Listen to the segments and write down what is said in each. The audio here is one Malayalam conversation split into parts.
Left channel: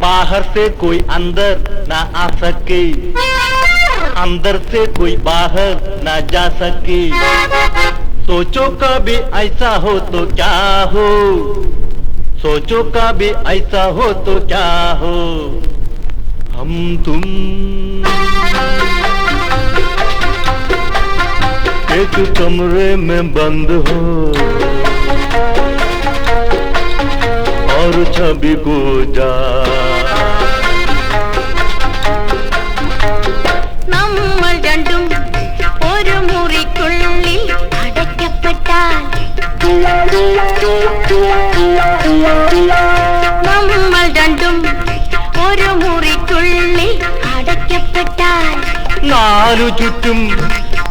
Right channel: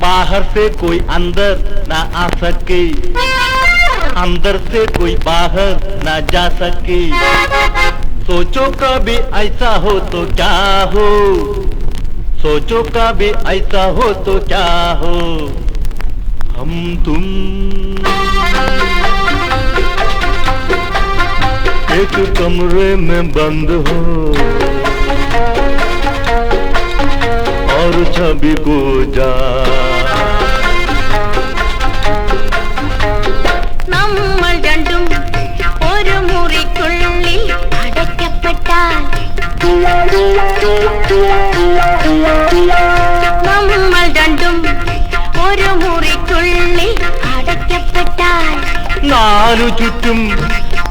बाहर से कोई अंदर ना आ सके, अंदर से कोई बाहर ना जा सके। सोचो कभी ऐसा हो तो क्या हो, सोचो कभी ऐसा हो तो क्या हो। हम तुम एक कमरे में बंद हो और छवि को जा നമ്മൾ രണ്ടും ഒരു മുറിക്കുള്ളിൽ അടയ്ക്കപ്പെട്ടാൽ, നമ്മൾ രണ്ടും ഒരു മുറിക്കുള്ളിൽ അടയ്ക്കപ്പെട്ടാൽ, നാലു ചുറ്റും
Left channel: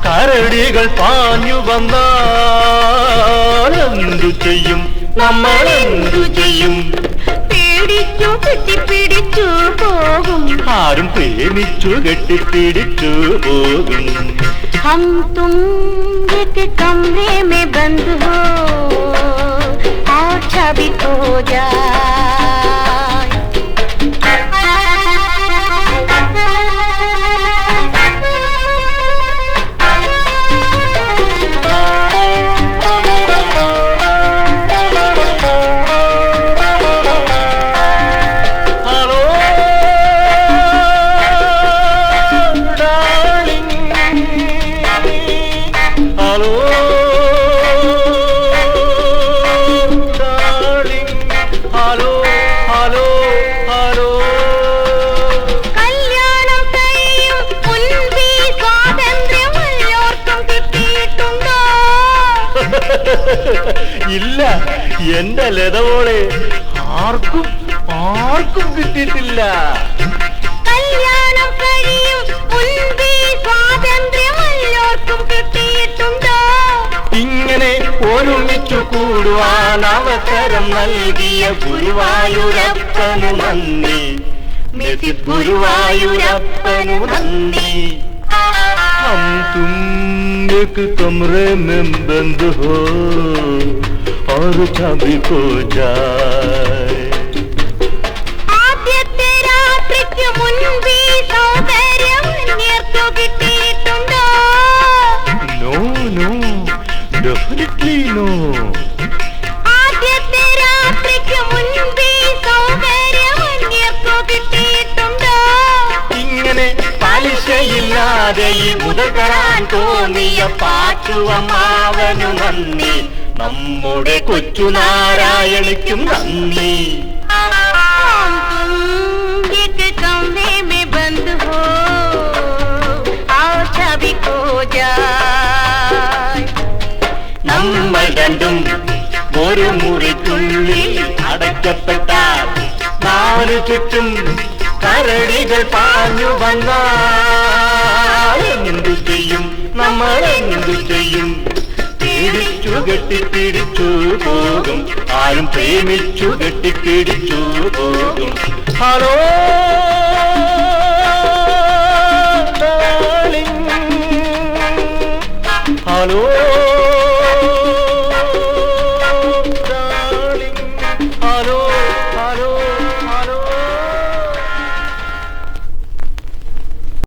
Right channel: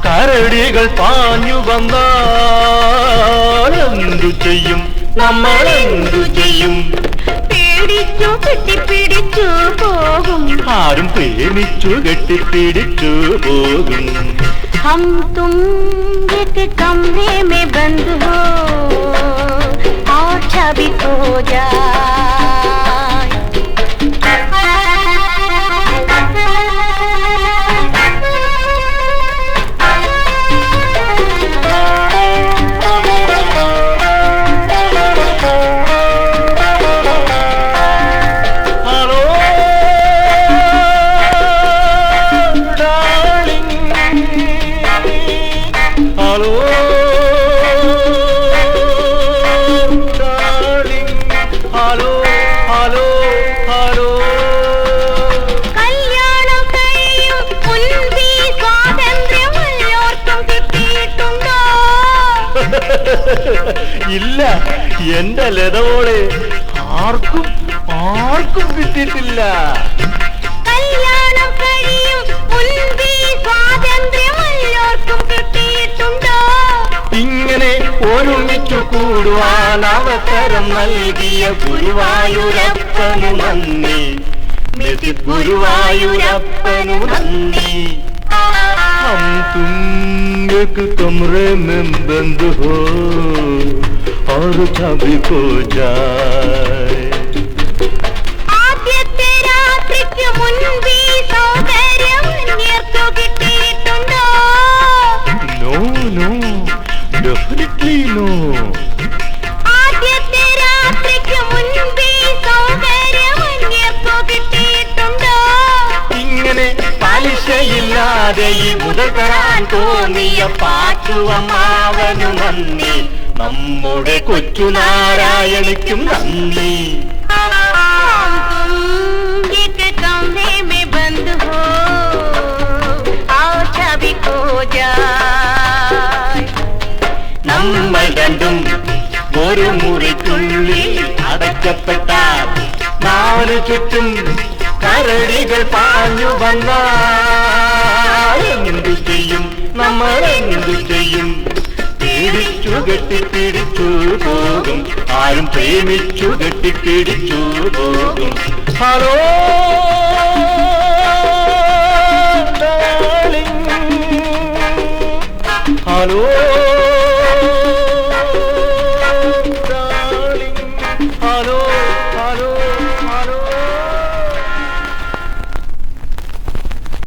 കരടികൾ പാഞ്ഞു വന്നാൽ എന്തു ചെയ്യും, നമ്മൾ എന്തു ചെയ്യും? പേടിച്ചു കെട്ടിപ്പിടിച്ചു പോകും, ആരും പ്രേമിച്ചു കെട്ടിപ്പിടിച്ചു പോകും. हम तुम एक कमरे में बंद हो और छवि खो जाए। Hello, darling. Hello, hello, hello. കല്യാണം കഴിയും മുൻപേ സ്വാതന്ത്ര്യം എല്ലാവർക്കും കിട്ടിയിട്ടുണ്ടോ? ഇല്ല, എന്റെ ലതവോളെ ആർക്കും ആർക്കും കിട്ടിയിട്ടില്ല. കല്യാണം കഴിയും മുൻപേ സ്വാതന്ത്ര്യം എല്ലാവർക്കും കിട്ടിയിട്ടുണ്ടോ? ഇങ്ങനെ ഒരുമിച്ചു കൂടുവാൻ അവസരം നൽകിയ ഗുരുവായൂരപ്പനു നന്ദി, മിസിസ് ഗുരുവായൂരപ്പനു നന്ദി. हम तुम एक कमरे में बंद हो और छवि खो जाए. ആദ്യത്തെ രാത്രിക്ക് മുൻപേ സൗന്ദര്യം നേർത്തു കിട്ടിയിട്ടുണ്ടോ? No, no, definitely no. ആദ്യത്തെ രാത്രിക്ക് മുൻപേ സൗന്ദര്യം നേർത്തു കിട്ടിയിട്ടുണ്ടോ? ഇങ്ങനെ പലിശയില്ലാതെ ഈ മുതൽ തരാൻ തോന്നിയ പാച്ചുവമ്മാവനു നന്ദി, നമ്മുടെ കൊച്ചു നാരായണിക്കും നന്ദി. हम तुम एक कमरे में बंद हो और छवि खो जाए. നമ്മൾ രണ്ടും ഒരു മുറിക്കുള്ളിൽ അടയ്ക്കപ്പെട്ടാൽ നാലു ചുറ്റും കരടികൾ പാഞ്ഞു വന്നാൽ എന്തു ചെയ്യും, നമ്മൾ എന്തു ചെയ്യും? പേടിച്ചു കെട്ടിപ്പിടിച്ചു പോകും, ആരും പ്രേമിച്ചു കെട്ടിപ്പിടിച്ചു പോകും. Hello darling, hello